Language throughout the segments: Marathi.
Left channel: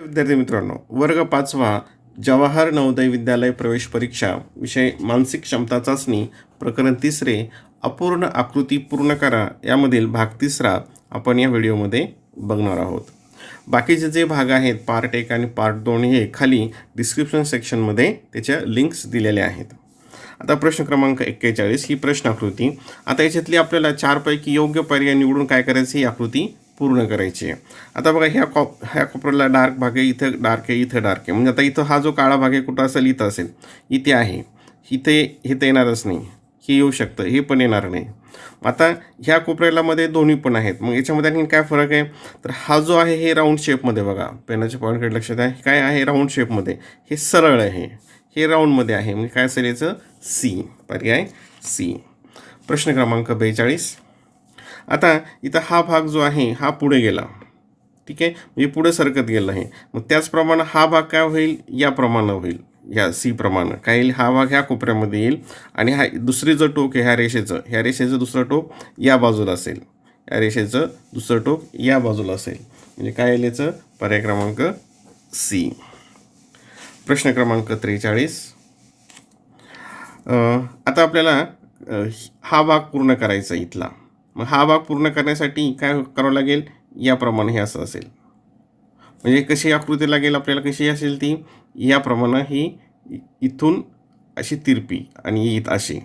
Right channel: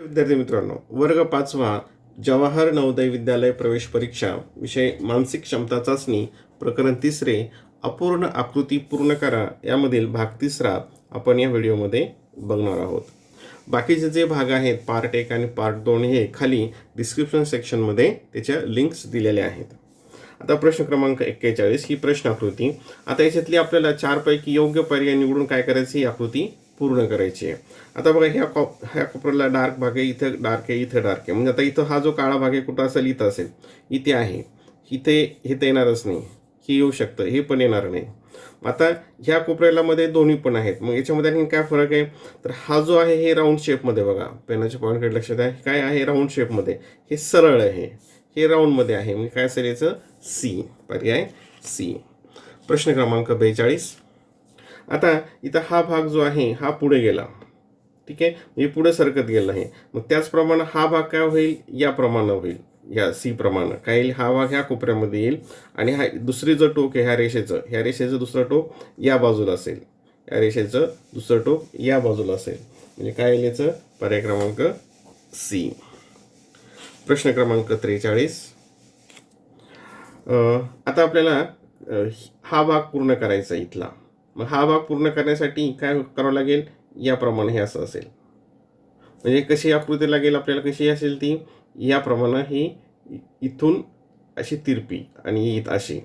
विद्यार्थी मित्रांनो, वर्ग 5वा जवाहर नवोदय विद्यालय प्रवेश परीक्षा विषय मानसिक क्षमता चाचणी प्रकरण 3 अपूर्ण आकृती पूर्ण करा यामधील भाग 3 आपण या व्हिडिओमध्ये बघणार आहोत. बाकीचे जे भाग आहेत पार्ट 1 आणि पार्ट 2 हे खाली डिस्क्रिप्शन सेक्शनमध्ये त्याच्या लिंक्स दिलेल्या आहेत. आता प्रश्न क्रमांक 41 ही प्रश्न आकृती. आता याच्यातली आपल्याला 4 पैकी योग्य पर्याय निवडून काय करायची, ही आकृती पूर्ण करायची आहे. आता बघा ह्या कोपऱ्याला डार्क भाग आहे, इथं डार्क आहे, इथं डार्क आहे. म्हणजे आता इथं हा जो काळा भाग आहे कुठं असेल, इथं असेल, इथे आहे, इथे हे तर येणारच नाही, हे येऊ शकतं, हे पण येणार नाही. आता ह्या कोपऱ्याला मध्ये दोन्ही पण आहेत. मग याच्यामध्ये आणखी काय फरक आहे, तर हा जो आहे हे राऊंड शेपमध्ये, बघा पेनाच्या पॉईंटकडे लक्षात आहे, काय आहे राऊंड शेपमध्ये, हे सरळ आहे, हे राऊंडमध्ये आहे. म्हणजे काय असेल याचं, सी, पर्याय सी. प्रश्न क्रमांक 42. आता इथं हा भाग जो आहे हा पुढे गेला, ठीक आहे, म्हणजे पुढे सरकत गेला आहे. मग त्याचप्रमाणे हा भाग काय होईल, याप्रमाणे होईल, या सी प्रमाणे काय येईल, हा भाग ह्या कोपऱ्यामध्ये येईल आणि हा दुसरी जो टोक आहे ह्या रेषेचं दुसरं टोक या बाजूला असेल, या रेषेचं दुसरं टोक या बाजूला असेल. म्हणजे काय येईल याचं, पर्याय क्रमांक सी. प्रश्न क्रमांक 43. आता आपल्याला हा भाग पूर्ण करायचा इथला. मग हा भाग पूर्ण करण्यासाठी काय करावं लागेल, याप्रमाणे हे असं असेल. म्हणजे कशी आकृती लागेल आपल्याला, कशी असेल ती, याप्रमाणे ही इथून अशी तिरपी आणि इथं अशी,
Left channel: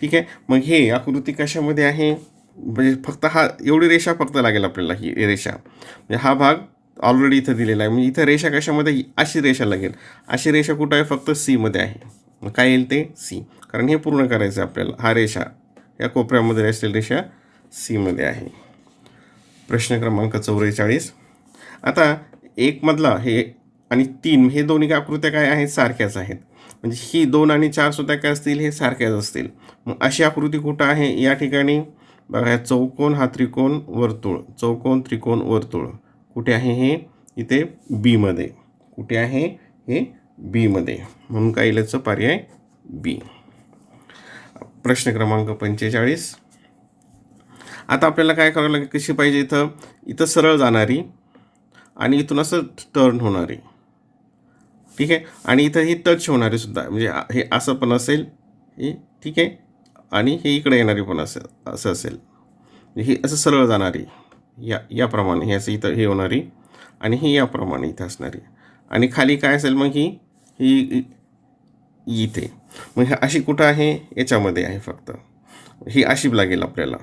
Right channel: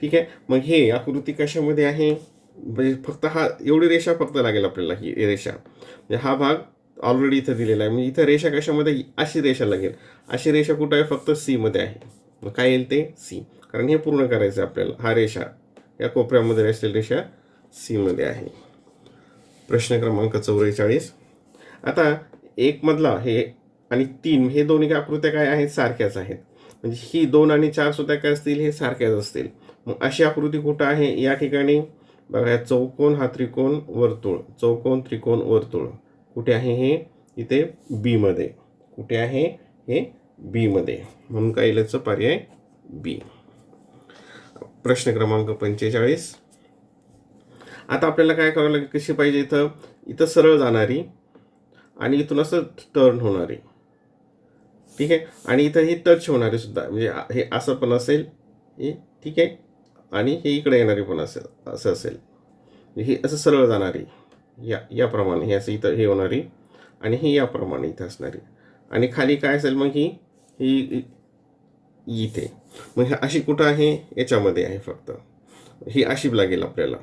ठीक आहे. मग हे आकृती कशामध्ये आहे, म्हणजे फक्त हा एवढी रेषा फक्त लागेल आपल्याला, ही रेषा, म्हणजे हा भाग ऑलरेडी इथं दिलेला आहे. म्हणजे इथं रेषा कशामध्ये, अशी रेषा लागेल. अशी रेषा कुठं आहे, फक्त सीमध्ये आहे. मग काय येईल ते, सी, कारण हे पूर्ण करायचं आहे आपल्याला. हा रेषा या कोपऱ्यामध्ये असलेली रेषा सीमध्ये आहे. प्रश्न क्रमांक 44. आता 1 मधला हे आणि 3 हे दोन्ही आकृत्या काय आहेत, सारख्याच आहेत. म्हणजे ही 2 आणि 4 सुद्धा काय असतील, हे सारख्याच असतील. मग अशी आकृती कुठं आहे, या ठिकाणी बघा, चौकोन, हा त्रिकोण, वर्तुळ, चौकोन, त्रिकोण, वर्तुळ, कुठे आहे हे, इथे बी मध्ये. कुठे आहे हे, बी मध्ये. म्हणून काय येईल याचं, पर्याय बी. प्रश्न क्रमांक 45. आता आपल्याला काय करावं लागेल, कशी पाहिजे, इथं सरळ जाणारी आणि इथून असं टर्न होणारी, ठीक आहे, आणि इथं ही टच होणारी सुद्धा, म्हणजे हे असं पण असेल, हे ठीक आहे, आणि हे इकडे येणारी पण असं असेल. हे असं सरळ जाणारी, याप्रमाणे हे असं इथं हे होणारी, आणि ही याप्रमाणे इथं असणारी, आणि खाली काय असेल मग ही इथे. मग हे अशी कुठं आहे, याच्यामध्ये आहे फक्त, ही अशी लागेल आपल्याला.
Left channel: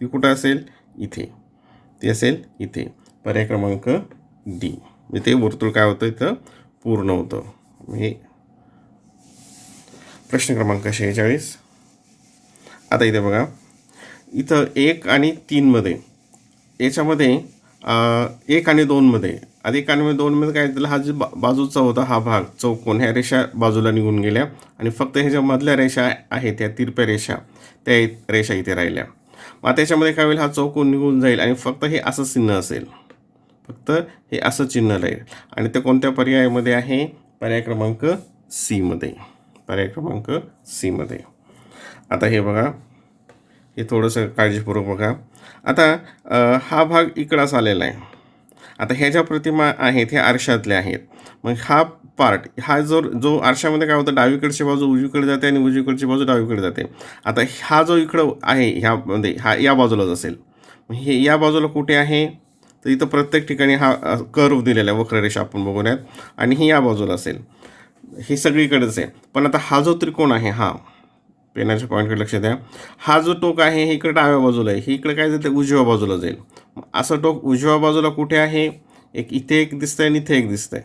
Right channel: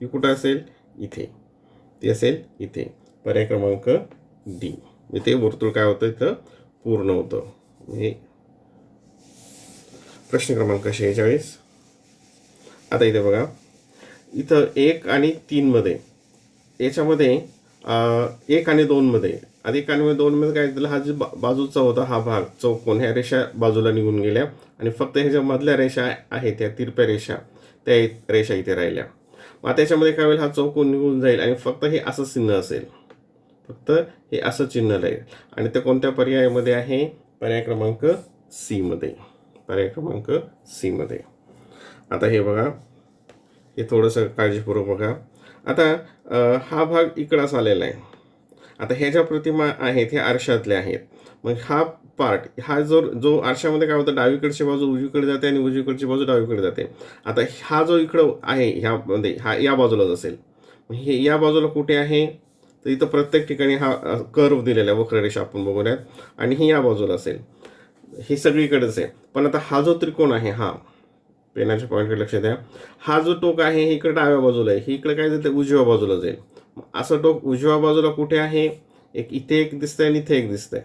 ती कुठं असेल, इथे, ती असेल इथे. पर्याय क्रमांक डी. म्हणजे ते वर्तुळ काय होतं, इथं पूर्ण होतं. हे प्रश्न क्रमांक 46. आता इथे बघा, इथं 1 आणि 3 मध्ये, याच्यामध्ये 1 आणि 2 मध्ये, आधी 1 आणि 2 मध्ये काय दिलं, हा जो बाजूचा होता हा भाग चौकोन, ह्या रेषा बाजूला निघून गेल्या आणि फक्त ह्याच्या मधल्या रेषा आहेत, त्या तिरप्या रेषा, त्या रेषा इथे राहिल्या. मग त्याच्यामध्ये काय होईल, हा चौकोन निघून जाईल आणि फक्त हे असं चिन्ह असेल, फक्त हे असं चिन्ह राहील. आणि ते कोणत्या पर्यायामध्ये आहे, पर्याय क्रमांक सी मध्ये. पर्याय क्रमांक सी मध्ये. आता हे बघा, हे थोडंसं काळजीपूर्वक बघा. आता हा भाग इकडंच आलेला आहे. आता ह्या ज्या प्रतिमा आहेत ह्या आरशातल्या आहेत. मग हा पार्ट, हा जो आरशामध्ये काय होतं, डावीकडची बाजू उजवीकडे जाते आणि उजवीकडची बाजू डावीकडे जाते. आता हा जो इकडं आहे ह्यामध्ये, हा या बाजूलाच असेल. हे या बाजूला कुठे आहे, तर इथं प्रत्येक ठिकाणी हा कर्व दिलेला आहे, वक्ररेषा आपण बघूयात, आणि ही या बाजूला असेल. हे सगळीकडेच आहे. पण आता हा जो त्रिकोण आहे, हा पेनाच्या पॉईंटकडे लक्ष द्या, हा जो टोक आहे हे इकडे डाव्या बाजूला आहे, हे इकडे काय जाते, उजव्या बाजूला जाईल. असं टोक उजव्या बाजूला कुठे आहे, इथे एक दिसतंय आणि इथे एक दिसतंय.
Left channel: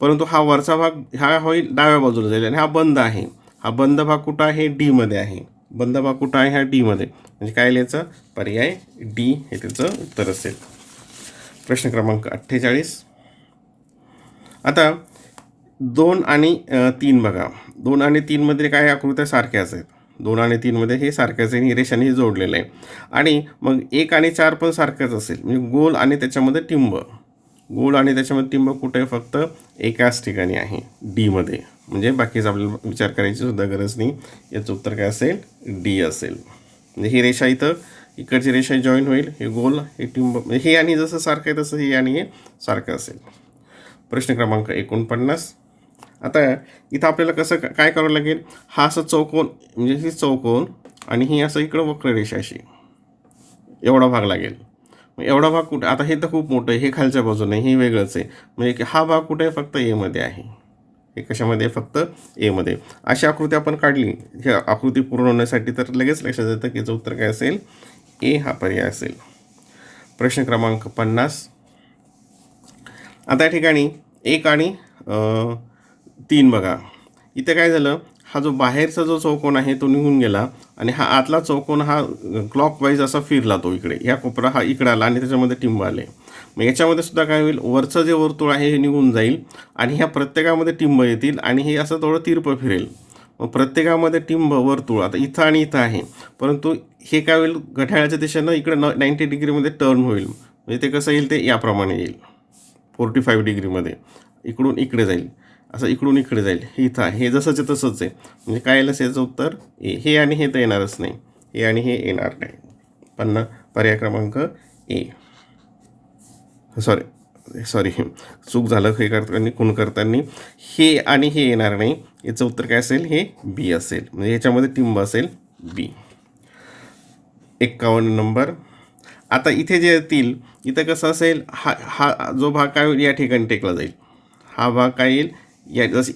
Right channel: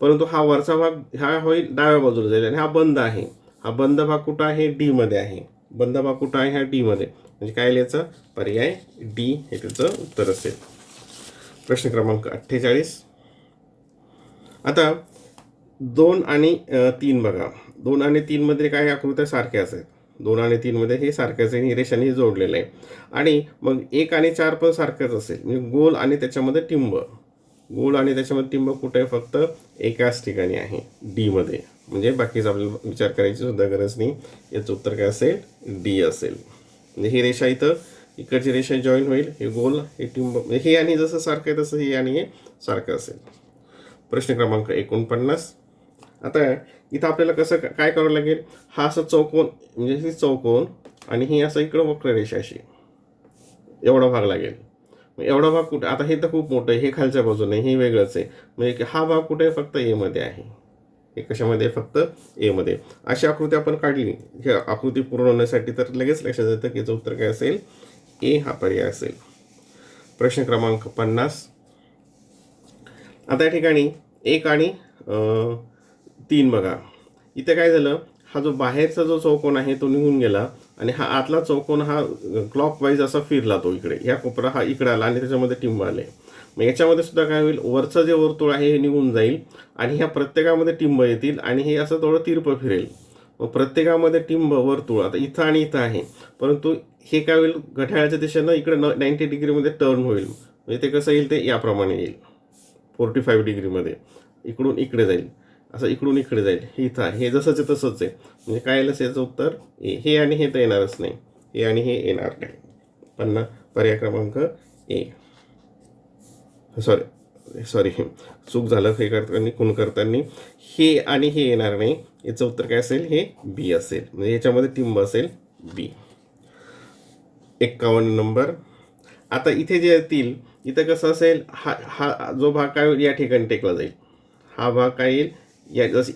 परंतु हा वरचा भाग हा होईल डाव्या बाजूला जाईल, आणि हा बंद आहे. हा बंद भाग कुठं आहे, डी मध्ये आहे. बंद भाग कुठं आहे, हा डी मध्ये. म्हणजे काय याचं, पर्याय डी हे त्याचं उत्तर असेल. प्रश्न क्रमांक 48. आता 2 आणि 3 बघा, 2 आणि 3 मध्ये काय आकृत्या सारख्याच आहेत. 2 आणि 3 मध्ये हे सारख्याच आहे, रेषाने जोडलेलं आहे. आणि मग 1 आणि 4 पण सारखंच असेल, म्हणजे गोल आणि त्याच्यामध्ये टिंब, गोल आणि त्याच्यामध्ये टिंब कुठे आहे, फक्त एकाच ठिकाणी आहे, डी मध्ये. म्हणजे बाकीचा आपल्याला विचार करायची सुद्धा गरज नाही. याचं उत्तर काय असेल, डी असेल. म्हणजे ही रेषा इथं इकडची रेषा जॉईन होईल, हे गोल, हे टिंब, हे आणि जसं सारखं आहे तसं हे आणि हे सारखं असेल. प्रश्न क्रमांक 49. आता इथं आपल्याला कसं काय करावं लागेल, हा असं चौकोन म्हणजे ही चौकोन आणि ही असं इकडं वक्ररेषा अशी एवढा भाग लागेल. मग एवढा भाग कुठे, आता हे तर खूप मोठं आहे, हे खालच्या बाजूने हे वेगळंच आहे, म्हणजे हा भाग कुठे आहे, फक्त एमध्ये आहे. हे कशामध्ये, फक्त एमध्ये. अशी आकृती आपण काढली, ही आकृती पूर्ण होण्यासाठी, तर लगेच लक्षात येतं की याचं उत्तर काय असेल, ए हा पर्याय असेल. प्रश्न क्रमांक 50. आता या ठिकाणी 1 आणि 3 बघा. इथे काय झालं, हा जो बाहेरचा जो चौकोन आहे तो निघून गेला आणि हा आतला चौकोन हा क्लॉकवाईज असा फिरला, तो इकडे ह्या कोपरा हा इकडे आला आणि त्याच्यामध्ये टिंब आले. मग याच्यामध्ये सुद्धा काय होईल, वरचं जे वर्तुळ आहे हे निघून जाईल आणि ह्या प्रत्येकामध्ये टिंब येतील आणि हे असं थोडं तिरपं फिरेल. मग प्रत्येकामध्ये टिंब वर्तुळ आता इथं आणि इथं आहे, परंतु हे काय होईल, घड्याळाच्या दिशेनं इकडे 90 डिग्रीमध्ये टर्न होईल. म्हणजे ते कसं येईल, ते याप्रमाणे येईल 45 डिग्रीमध्ये, इकडून इकडे जाईल, असं इकडून इकडे जाईल. हे इथं आहे, हे जसंच आहे तसंच आहे. म्हणजे काय येईल, याचं उत्तर ए. हे आणि हे तर येणारच नाही, हे आणि हे येणार नाही. पर्याय क्रमांक ए. सॉरी चूक झालं, हे करताना खून करताना हे आणि हे येणार नाही. याचं उत्तर काय असेल, हे बी असेल. म्हणजे याच्यामध्ये टिंब असेल बी. 51 नंबर. आता इथे जे येतील, इथं कसं असेल, हा जो भाग काय होईल, या ठिकाणी टेकला जाईल. हा भाग काय येईल,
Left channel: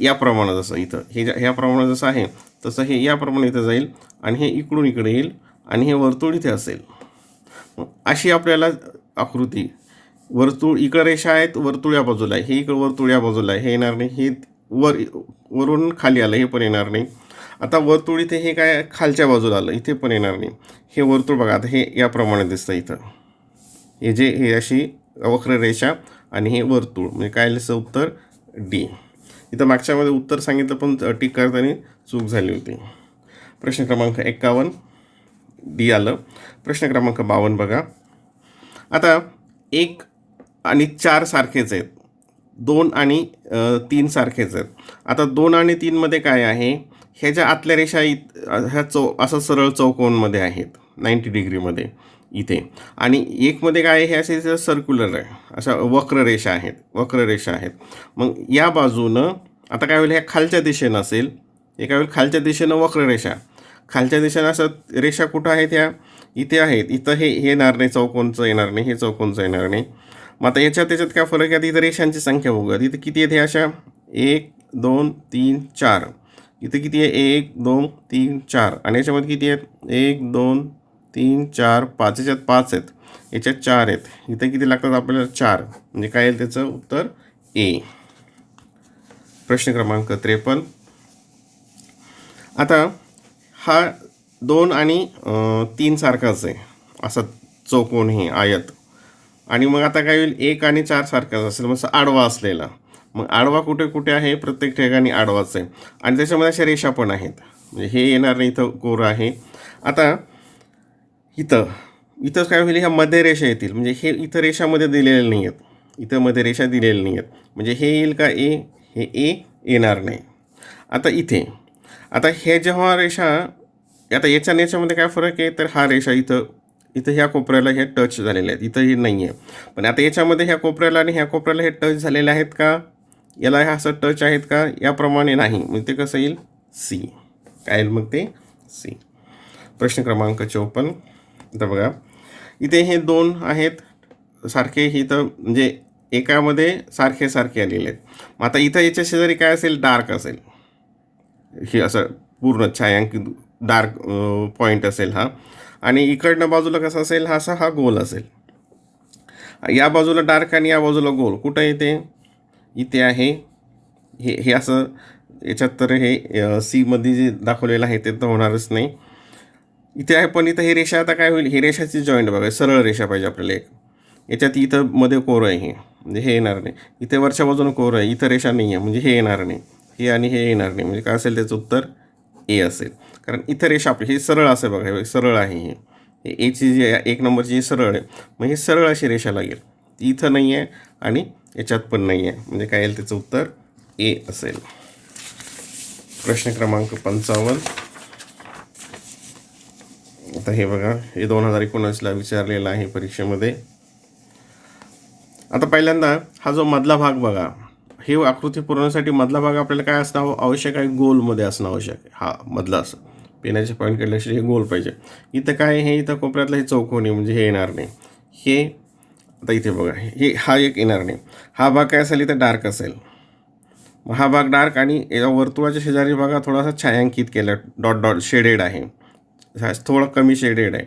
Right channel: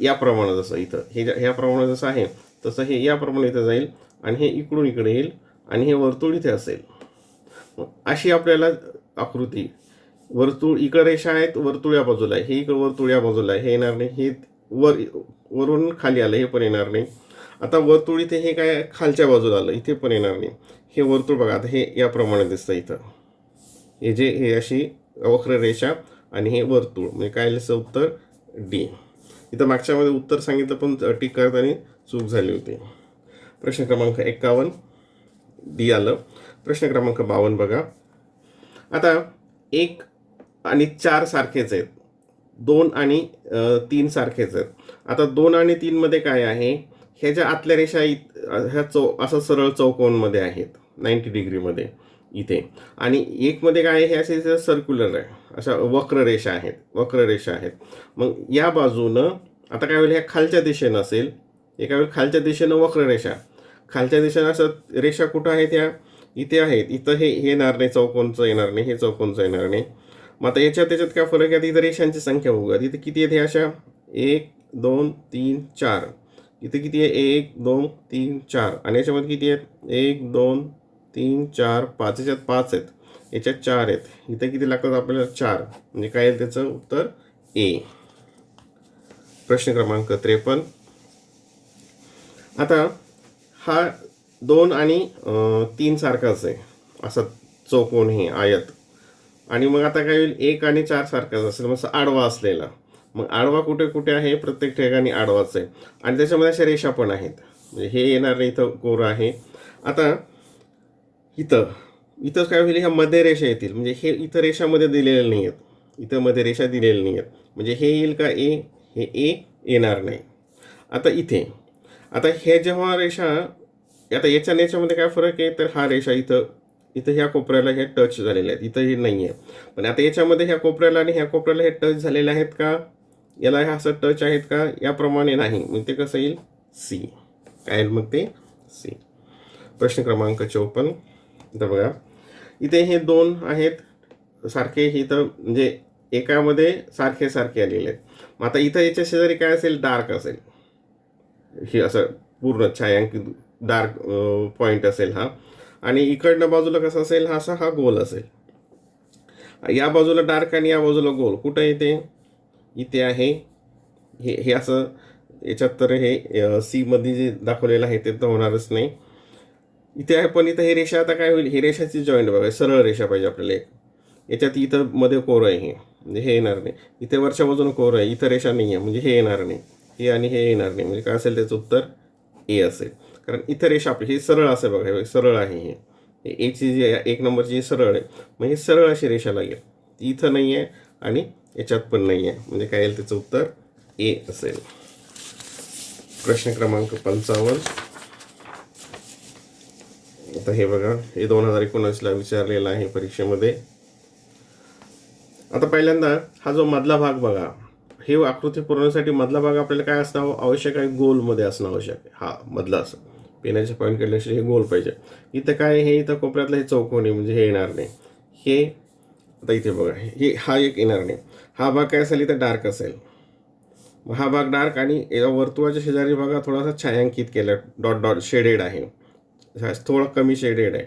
या प्रमाणात, जसं इथं हे ह्या प्रमाणात जसं आहे तसं हे याप्रमाणे इथं जाईल आणि हे इकडून इकडे येईल आणि हे वर्तुळ इथे असेल. अशी आपल्याला आकृती, वर्तुळ इकडे रेषा आहेत, वर्तुळ या बाजूला आहे, हे इकडे वर्तुळ या बाजूला आहे, हे येणार नाही. हे वरून खाली आलं, हे पण येणार नाही. आता वर्तुळ इथे हे काय खालच्या बाजूला आलं, इथे पण येणार नाही. हे वर्तुळ बघा, आता हे याप्रमाणे दिसतं इथं, हे अशी वक्ररेषा आणि हे वर्तुळ, म्हणजे काय लिहिलं उत्तर डी. इथं मागच्यामध्ये उत्तर सांगितलं पण टिक करताना चूक झाली होती. प्रश्न क्रमांक 51 डी आलं. प्रश्न क्रमांक 52 बघा. आता 1 आणि 4 सारखेच आहेत, 2 आणि 3 सारखेच आहेत. आता 2 आणि 3 मध्ये काय आहे, ह्याच्या आतल्या रेषा ह्या असं सरळ चौकोनमध्ये आहेत 90 डिग्रीमध्ये इथे, आणि 1 मध्ये काय आहे, हे असे सर्क्युलर आहे, अशा वक्ररेषा आहेत. मग या बाजूनं आता काय होईल, ह्या खालच्या दिशेनं असेल, हे काय होईल, खालच्या दिशेनं वक्ररेषा, खालच्या दिशेनं असं रेषा कुठं आहेत, ह्या इथे आहेत. इथं हे येणार नाही, चौकोनचं येणार नाही, हे चौकोनचं येणार नाही. मग आता त्याच्यात काय फरक आहे, इथं रेषांची संख्या बघूया. इथं किती आहेत, अशा 1 2 3 4. इथं किती आहे, 1 2 3 4. आणि याच्यामध्ये किती आहेत, 1 2 3 4 5. याच्यात 5 आहेत, याच्यात 4 आहेत. इथं किती लागतात आपल्याला, 4. म्हणजे काय येईल त्याचं उत्तर ए. प्रश्न क्रमांक 53. आता हा 2 आणि 3 सारखाच आहे, असा चौकोन हे आयत. आणि मग आता काय होईल, 1 आणि 4 सारखाच असेल, मग आडवा असलेला. मग आडवा कुठे कुठे आहे, प्रत्येक ठिकाणी आडवाच आहे. आणि त्याच्यामध्ये अशा रेषा पण आहेत, म्हणजे हे येणार नाही, इथं कोरं आहे. आता इथं काय होईल, ह्या मध्ये रेषा येतील, म्हणजे हे इथं रेषामध्ये दिलेले नाही आहेत, इथं मध्ये रेषा दिलेल्या नाही आहेत. म्हणजे हे येईल का ए, हे ए येणार नाही. आता हे जेव्हा रेषा, आता याच्यामध्ये काय फरक आहे, तर हा रेषा इथं ह्या कोपऱ्याला हे टच झालेले आहेत, इथं हे नाही आहे. पण आता याच्यामध्ये ह्या कोपऱ्याला आणि ह्या कोपऱ्याला हे टच झालेले आहेत का, याला हे असं टच आहेत का, याप्रमाणे नाही. मग ते कसं येईल, सी. काय येईल मग ते सी. प्रश्न क्रमांक 54. इथं बघा, इथे हे 2 आहेत सारखे, इथं म्हणजे एकामध्ये सारखे आलेले आहेत. मग आता इथं याच्या शेजारी काय असेल, डार्क असेल, हे असं पूर्ण छायांकित डार्क पॉईंट असेल हा. आणि इकडनं बाजूला कसं असेल, हा गोल असेल. या बाजूला डार्क आणि या बाजूला गोल. कुठं येते, इथे आहे, हे असं याच्यात, तर हे सी मध्ये जे दाखवलेलं आहे ते तर होणारच नाही. इथे आहे, पण इथं हे रेषा आता काय होईल, ही रेषाची जॉईंट बघा, सरळ रेषा पाहिजे आपल्याला एक. याच्यात इथं मध्ये कोर आहे, हे म्हणजे हे येणार नाही. इथे वरच्या बाजूला कोर आहे, इथं रेषा नाही आहे, म्हणजे हे येणार नाही. हे आणि हे येणार नाही. म्हणजे काय असेल, त्याचं उत्तर ए असेल. कारण इथं रेषा आपली हे सरळ असेल बघा, हे सरळ आहे, हे एची जी 1 नंबरची जी सरळ आहे, मग हे सरळ अशी रेषा लागेल. ती इथं नाही आहे आणि याच्यात पण नाही आहे. म्हणजे काय येईल, त्याचं उत्तर ए असेल. प्रश्न क्रमांक 55. आता हे बघा, हे 2019ला विचारलेलं आहे परीक्षेमध्ये. आता पहिल्यांदा हा जो मधला भाग बघा, हे आकृती पुरवण्यासाठी मधला भाग आपल्याला काय असणं आवश्यक आहे, गोलमध्ये असणं आवश्यक आहे. हा मधला असं पेनाचे पॉईंट केल्याशिवाय हे गोल पाहिजे. इथं काय हे इथं कोपऱ्यातलं हे चौकोनी म्हणजे हे येणार नाही. हे आता इथे बघा हे हा एक येणार नाही. हा भाग काय असेल इथं डार्क असेल. हा भाग डार्क आणि या वर्तुळाच्या शेजारी बघा थोडासा छायांकित केला, डॉट डॉट शेडेड आहे, थोडं कमी शेडेड आहे.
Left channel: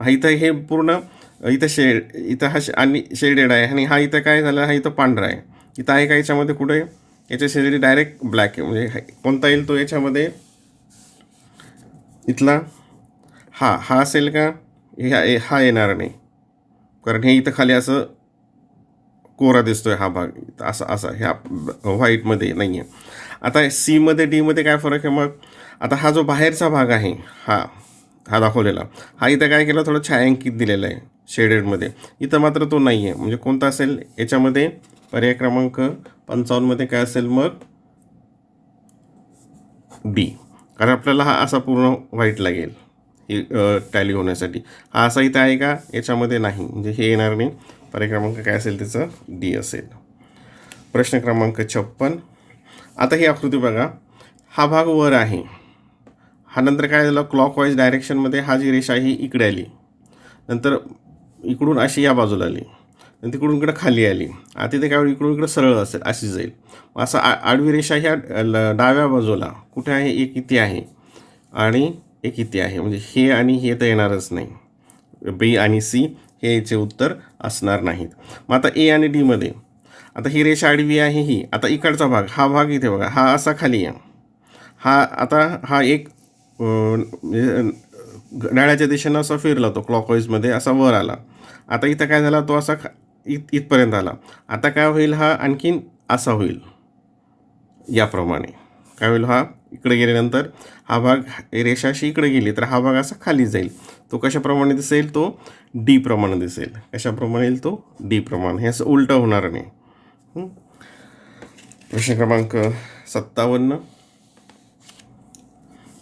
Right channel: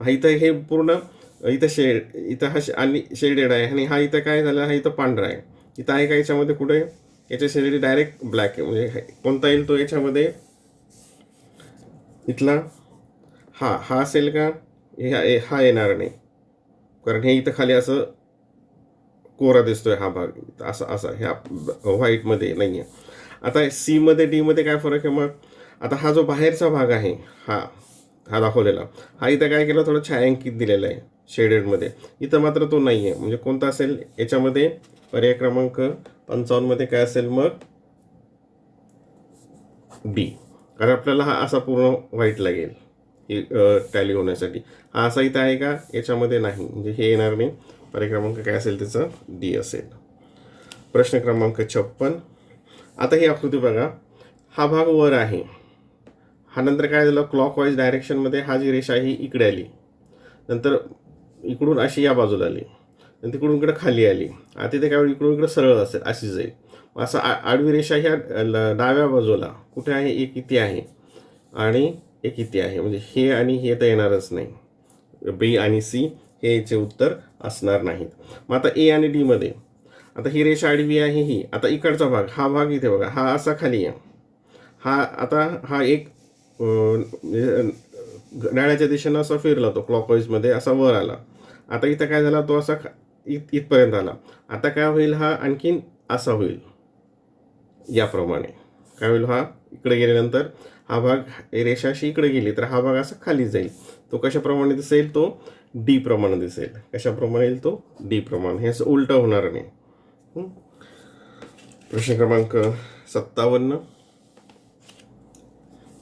हा इथं हे पूर्ण इथं इथं हा आणि शेडेड आहे आणि हा इथं काय झालं, हा इथं पांढरा आहे. इथं आहे का याच्यामध्ये कुठे, याच्या शेजारी डायरेक्ट ब्लॅक आहे. म्हणजे कोणता येईल तो याच्यामध्ये, इथला हा असेल का, हा येणार नाही, कारण हे इथं खाली असं कोरा दिसतोय हा भाग असा असा ह्या व्हाईटमध्ये नाही आहे. आता सीमध्ये डीमध्ये काय फरक आहे मग, आता हा जो बाहेरचा भाग आहे हा हा दाखवलेला, हा इथं काय केलं थोडं छायांकित दिलेला आहे शेडेडमध्ये. इथं मात्र तो नाही आहे. म्हणजे कोणता असेल याच्यामध्ये, पर्याय क्रमांक 55मध्ये काय असेल मग, डी. कारण आपल्याला हा असा पूर्ण व्हाईट लागेल ही टॅली होण्यासाठी. हा असा इथं आहे का, याच्यामध्ये नाही, म्हणजे हे येणार नाही. पर्याय क्रमांक काय असेल त्याचं डी असेल. प्रश्न क्रमांक 56. आता ही आकृती बघा, हा भाग वर आहे, हा नंतर काय झालं क्लॉकवाईज डायरेक्शनमध्ये हा जी रेषा ही इकडे आली, नंतर इकडून अशी या बाजूला आली, नंतर तिकडून इकडे खाली आली. आता ते काय इकडून इकडे सरळ असेल अशी जाईल. असं आडवी रेषा ह्या डाव्या बाजूला कुठे आहे, एक इथे आहे आणि एक इथे आहे. म्हणजे हे आणि हे तर येणारच नाही. बी आणि सी हे याचे उत्तर असणार नाहीत. मग आता ए आणि डीमध्ये, आता ही रेषा आडवी आहे ही, आता इकडचा भाग हा भाग इथे बघा, हा असा खाली आहे, हा आता हा एक घड्याळाच्या दिशेनं असा फिरला तो क्लॉकवाईजमध्ये असा वर आला. आता इथं काय झाला, तो असा इथपर्यंत आला. आता काय होईल, हा आणखीन असा होईल याप्रमाणे. काय होईल, हा इकडे गेल्यानंतर हा भाग रेषाशी इकडे गेली तर हा भाग असा खाली जाईल. तो कशाप्रमाणे दिसेल, तो डी प्रमाणे दिसेल. कशाप्रमाणे येईल तो, डी प्रमाणे. हे असं उलटं होणार नाही. प्रश्न क्रमांक 57.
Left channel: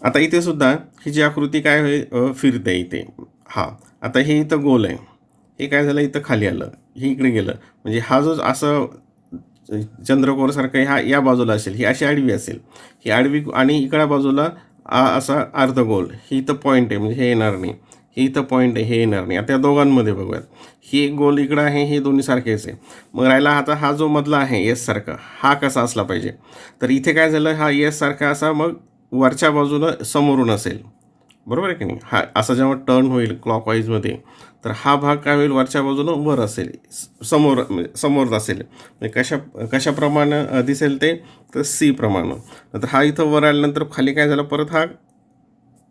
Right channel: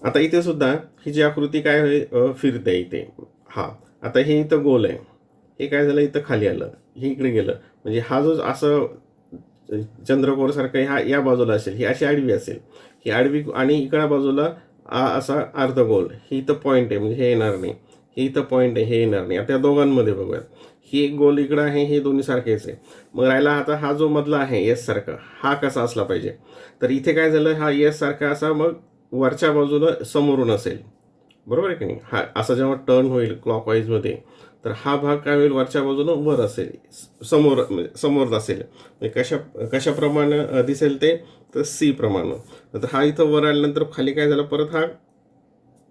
आता इथे सुद्धा ही जी आकृती काय होईल, फिरते इथे. हा आता हे इथं गोल आहे, हे काय झालं इथं खाली आलं, हे इकडे गेलं. म्हणजे हा जो असं चंद्रकोरसारखं हा या बाजूला असेल, ही अशी आडवी असेल, ही आडवी आणि इकडच्या बाजूला असा अर्धगोल, ही इथं पॉईंट आहे म्हणजे हे येणार नाही, हे इथं पॉईंट आहे हे येणार नाही. आता या दोघांमध्ये बघूयात, ही एक गोल इकडं आहे, हे दोन्ही सारखेच आहे. मग राहिला आता हा जो मधला आहे एस सारखा, हा कसा असला पाहिजे, तर इथे काय झालं, हा एस सारखा असा मग वरच्या बाजूनं समोरून असेल, बरोबर आहे की नाही. हा असं जेव्हा टर्न होईल क्लॉकवाईजमध्ये, तर हा भाग काय होईल, वरच्या बाजूनं वर असेल, समोर असेल. म्हणजे कशाप्रमाणे दिसेल ते, तर सी प्रमाणे. नंतर हा इथं वर आल्यानंतर खाली काय झालं, परत हा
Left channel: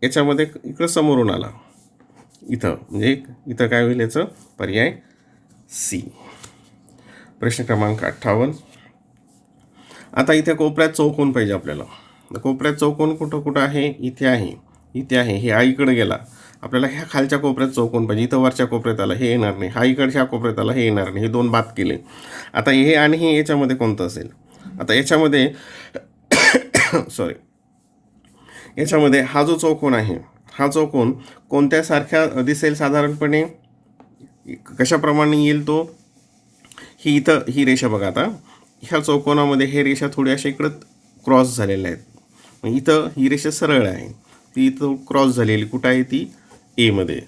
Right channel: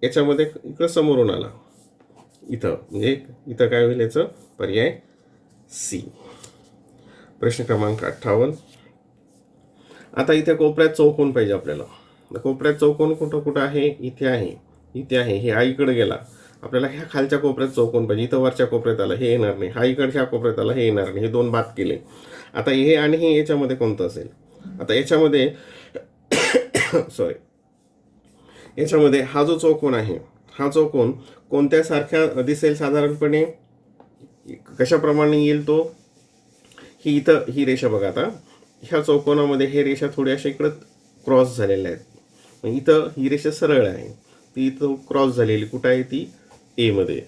याच्यामध्ये इकडं समोरून आला इथं, म्हणजे इथं काय होईल, याचं पर्याय सी. प्रश्न क्रमांक 58. आता इथे कोपऱ्यात चौकोन पाहिजे आपल्याला. कोपऱ्यात चौकोन कुठं आहे, इथे आहे, इथे आहे, हे आईकडे गेला. आपल्याला ह्या खालच्या कोपऱ्यात चौकोन पाहिजे, इथं वरच्या कोपऱ्यात आला, हे येणार नाही. हा इकडच्या कोपऱ्यात आला, हे येणार नाही. हे दोन बाद केले. आता हे आणि हे याच्यामध्ये कोणतं असेल, आता याच्यामध्ये सॉरी, याच्यामध्ये हा जो चौकोन आहे, हा चौकोन कोणत्या सारख्या दिसेल साधारणपणे, कशाप्रमाणे येईल तो, ही इथं ही रेषा बघा. आता ह्या चौकोनामध्ये हे रेषा थोडी अशा इकडं क्रॉस झालेल्या आहेत. मग इथं ही रेषा सरळ आहे, ती इथं क्रॉस झालेली कुठं आहे, ती एमध्ये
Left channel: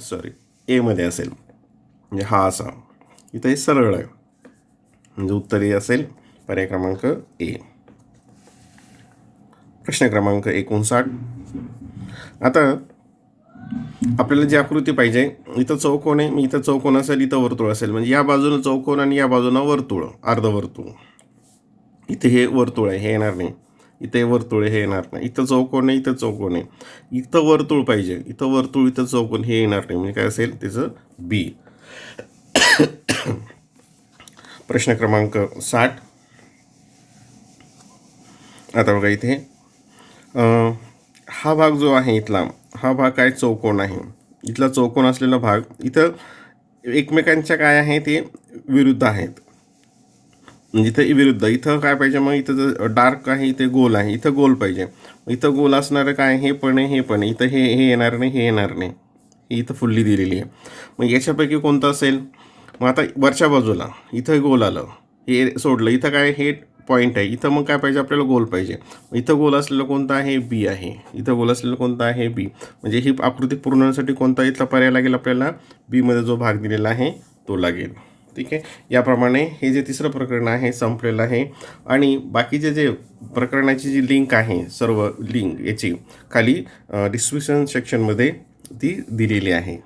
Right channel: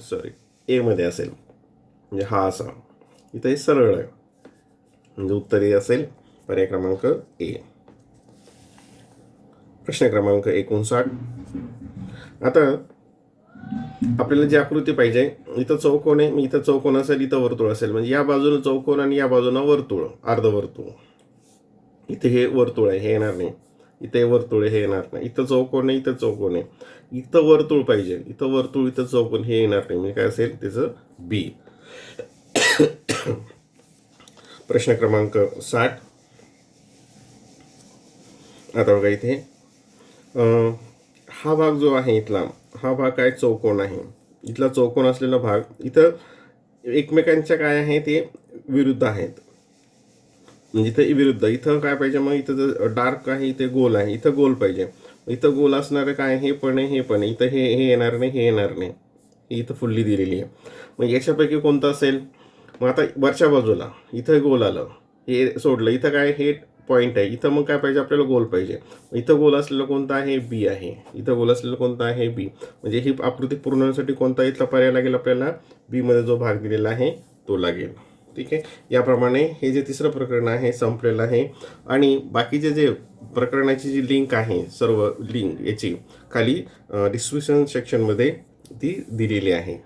सॉरी एमध्ये असेल. म्हणजे हा असा इथं हे सरळ आहे, म्हणजे उत्तर ए असेल. पर्याय क्रमांक ए. प्रश्न क्रमांक 59. आता आपल्याला जी आकृती पाहिजे, इथं चौकोन आहे, इथं चौकोन असेल, इथं वर्तुळ असेल. म्हणजे या बाजूला चौकोन आणि या बाजूला वर्तुळ, अर्धवर्तुळ. इथे हे वर्तुळ आहे, हे येणार नाही. इथे वर्तुळ, हे येणार नाही. इथं चौकोन आहे, इथं चौकोन आहे, इथं वर्तुळ पाहिजे, इथं वर्तुळ, इथं चौकोन, हे येणार नाही. म्हणजे काय असेल त्याचं बी. प्रश्न क्रमांक 60. आता बघा इथे हा भाग जो आहे इथला, हा भाग काय चौकोन आहे. इथला चौकोन असलेला भाग इथं एकमेकांच्या काय आहे, ते विरुद्ध आहेत. म्हणजे इथं विरुद्ध, इथं काय पाहिजे मग, इथं डार्क आहे, इथे गोल आहे, इथं गोल पाहिजे. इथं गोल असणारं काय, हे पण आहे, हे पण आहे. इथं हे येणार नाही, हे येणार नाही. ही इथं फुल्ली दिलेली आहे. मग याच्यापैकी कोणतं असेल. मग आता वरच्या बाजूला इथं गोल आलं, हे सोडलं, इथं काय हे पॉईंट आहे, इथं मग काय पाहिजे आपल्याला गोल पाहिजे. इथं गोल असलेलं कोणतं आहे, बी आहे. इथं गोल असलेलं कोणतं आहे, बी. म्हणजे ही आकृती पूर्ण होण्यासाठी कोणता इथला पर्याय लागेल आपल्याला, बीमध्ये जो भाग दिलेला आहे तो लागेल. ठीक आहे. याप्रमाणे हे जे तिसरं प्रकरण आहे संपलेलं आहे. आणि बाकीचे जे प्रकरणाची जी लिंक आहे, सर्व लिंक याची खाली डिस्क्रिप्शन सेक्शनमध्ये ती दिलेली आहे.